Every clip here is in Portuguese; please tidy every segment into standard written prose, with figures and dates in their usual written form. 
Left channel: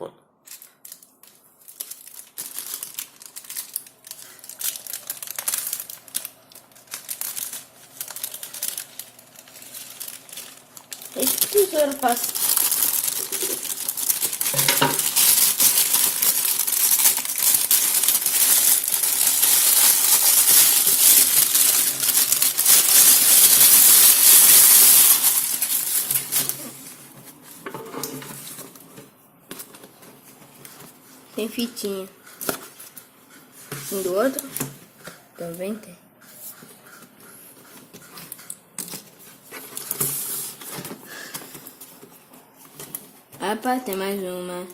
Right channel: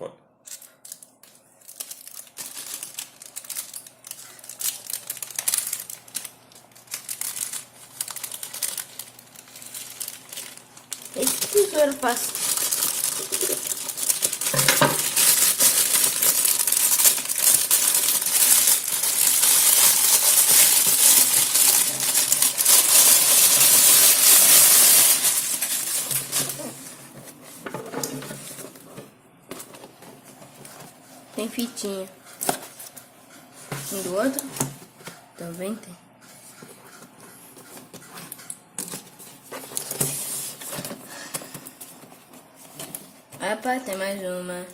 Pode. Esse tesouro faz. Tem fitinha. Do outro também tem. Rapaz, tem mais uma.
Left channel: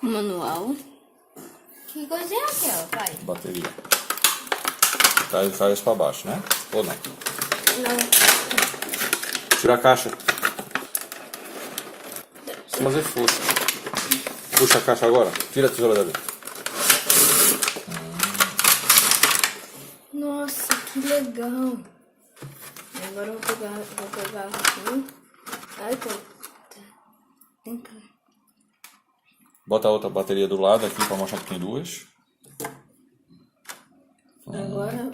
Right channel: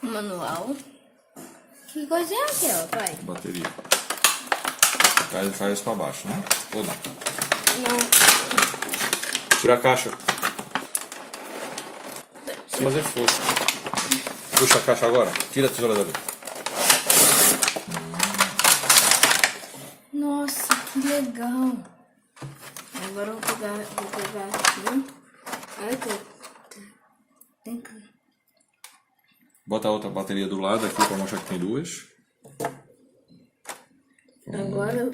Manual. Que coisa é aquela, pai? Bateria. Traz pra baixo, né? Ou não? Não. Tira a caixa. Fazer força. Puxa a caixa agora. Tira a tesoura dali. Nossa, que legal. Agora eu vou pegar aqui. Ai, tem que... Bota a outra bateria do lado aqui pra mostrar que tem duas. Agora eu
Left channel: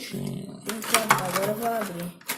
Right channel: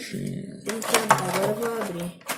vou abrir.